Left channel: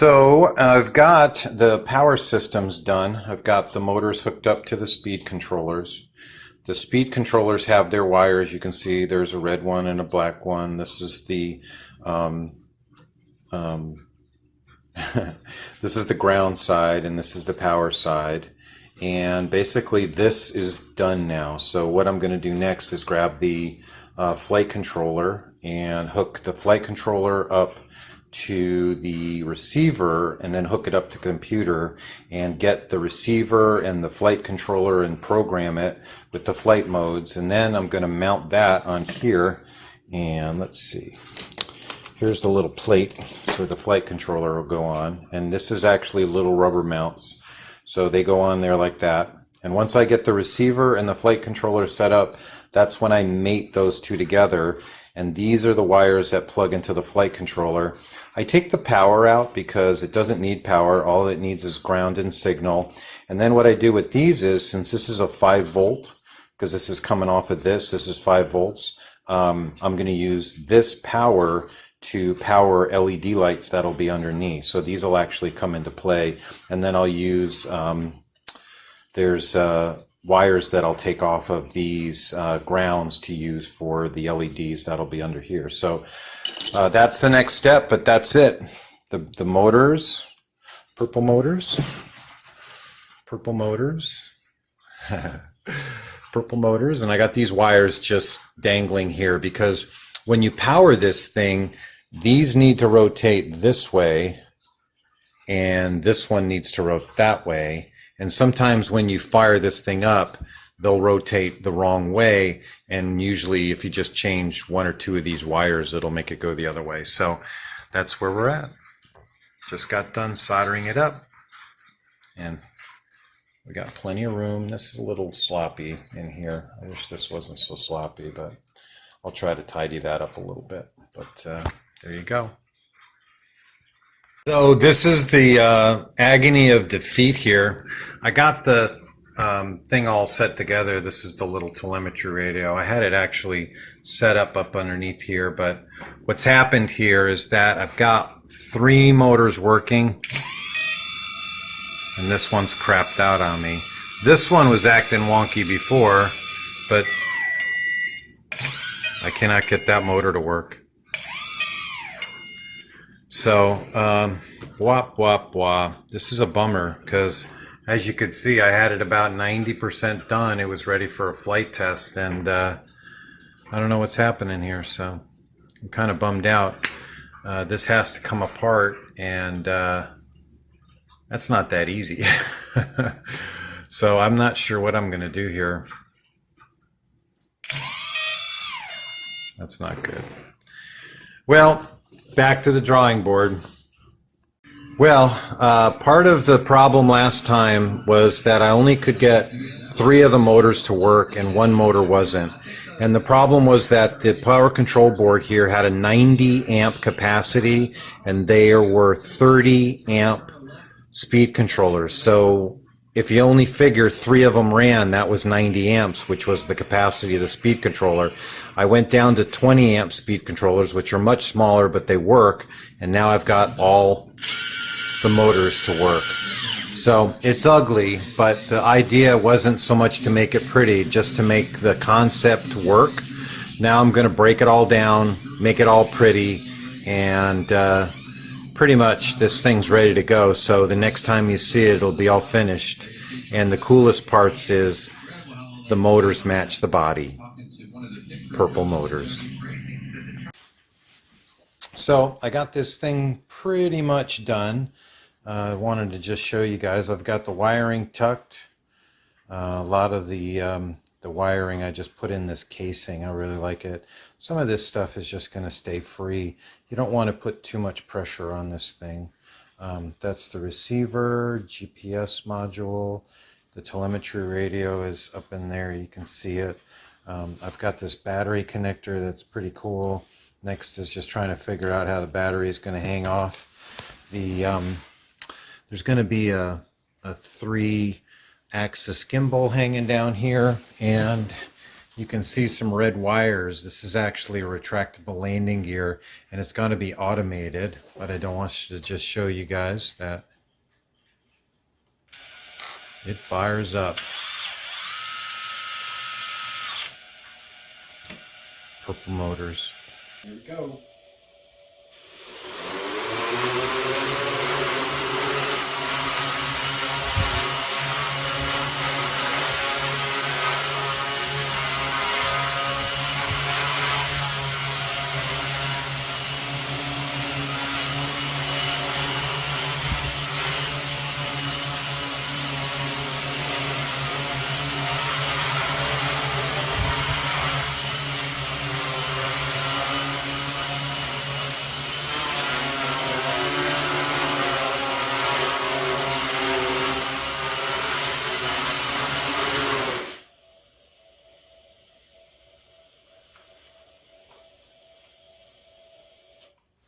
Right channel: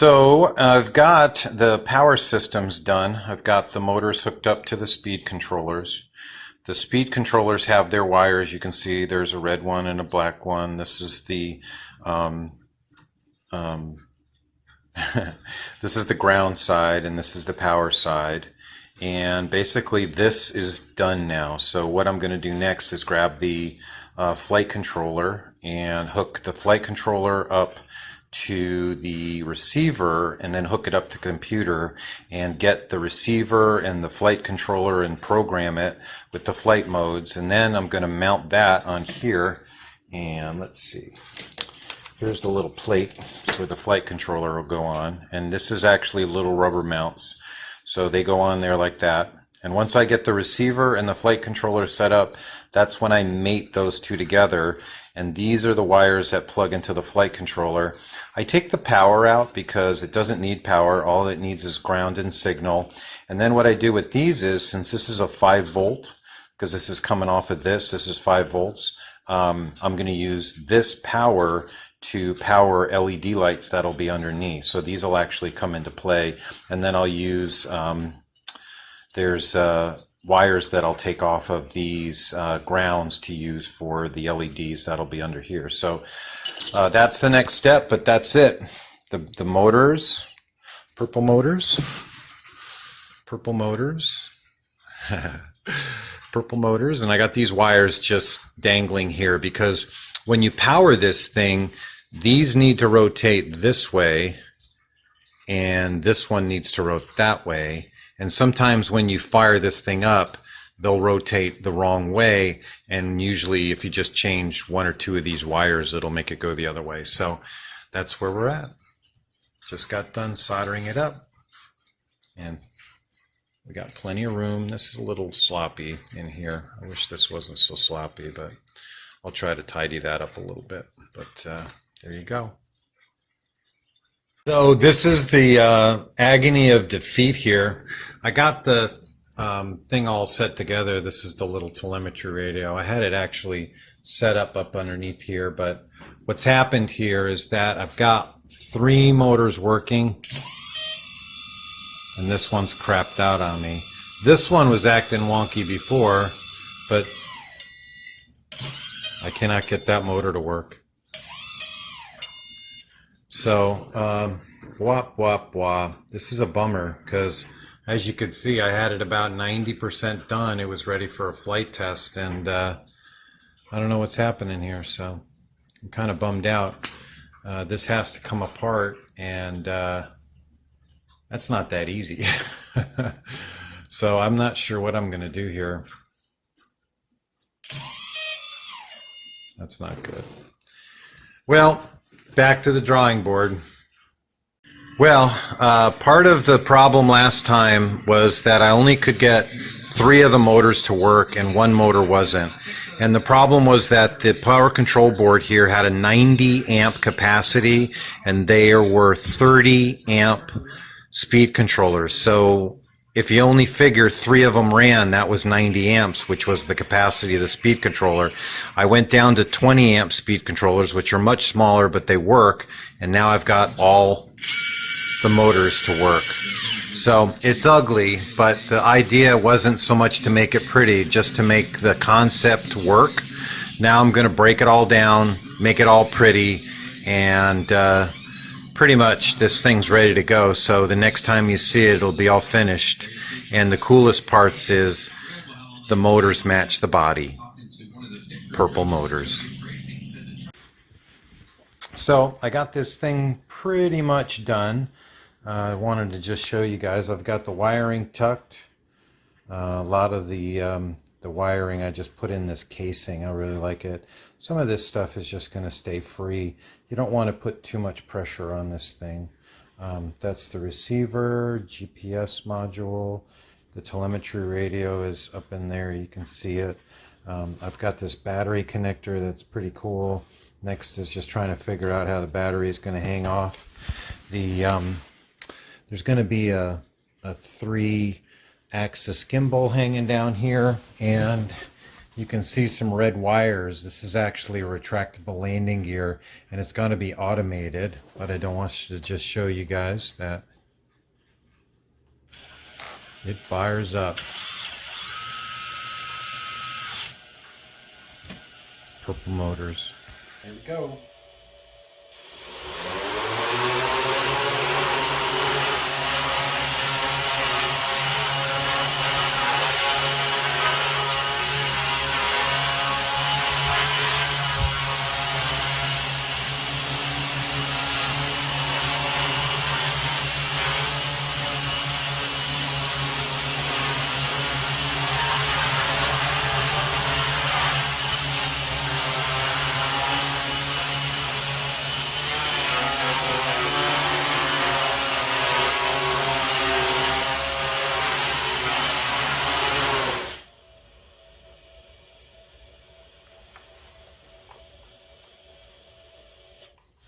So I've got the power systems done. I've got the motors hooked up to the speed controllers. The speed controllers have their wires. You can see there's a red one and a black one. This is the this is the ground side and this is the power side. And basically this is done now. So what I'm going to do next is grab the flight controller and hook the flight controller up to the receiver and then hook it up to the computer and get the receiver and the flight controller and program it with the flight modes. And then I'm going to mount that on here, and let's see, here's the little plate where the flight controller will go on, and this is actually little rubber mounts, so they go on there like that. And once I get the receiver and the flight controller set up, that's when I mate those two together. And these are the wires that plug into the flight controller. I take the power out because it doesn't need power. All it needs is ground and signal. And then what I do with these is, since this is a 5 volt, because this is coming off of this is 5 volts, I'm going to use this power to power LED lights that'll be underneath. So these will actually come into play. And then I'll use, there's wires that I'll take off of these grounds to use for the LEDs that'll be under here. So that's the next step, but that's it. The motors, purple motors, purple motors, purple motors, and I got these wires just dangling here because when you power this thing, these need to rotate this way and this one needs to rotate that way. And sometimes when you fire this thing up, they'll rotate the wrong way. And usually if you just change one or two of these wires, it'll make it go the other way. So that's where we're at. Just got done soldering it up. And we got plenty of room. This is a little sloppy in here. I wish this wasn't so sloppy, but I'll try to tidy that up a little bit. But there you go. So this is the agony of defeat here. I got the thing all set together. This is the little telemetry radio. I had it actually set up underneath here, but what's happened here is that I've got 3 motors working, and this one's crapped out on me. This one was acting wonky before, but I cannot get that motor to work. So, wah, wah, wah. This is a bummer because, as you could see, I had it about 90% done. It was ready for a flight test, and I don't know what's happening here, so I'm kind of bummed out. This has to come apart, and that's not that easy. So I'm not sure what I'm going to do here. That's not good. Well, back to the drawing board. Well, part of the problem last time was that I only could get 3 of the motors to work and 1 motor wasn't. And the problem was that the power control board here had a 90 amp capacity and there were 30 amp speed controllers. So if you only figure 3 of them ran, that was 90 amps, which was the capacity of the speed controller. I went down to 20 amp speed controllers, which are much smaller, but they work. And now I've got all the motors to work. So it's ugly, but the idea wasn't so much to make it pretty, just to make the concept work. Now I'm going to break it all down, make it all pretty, and pretty much this thing's ready to go. So the next time you see it, it'll be all finished. And the coolest parts is the motors match the body. Purple motors. So I got this thing pretty much done. I wanted to just show you guys. I've got the wiring tucked. A lot of the wiring I just put in this casing. I really like it. Some of this stuff is just going to stay free. You don't want to put too much pressure on this thing. That's the receiver, GPS module. The telemetry radio is up in there. You can see it. I've got this battery connector that's pretty cool. Next is just trying to figure out how the battery is going to hang off. There's going to be a 3-axis gimbal hanging down here, and You can see some red wires. This is actually a retractable landing gear, and it's going to be automated, but I don't want to just show you guys that it fires up. Purple motors. Here we go.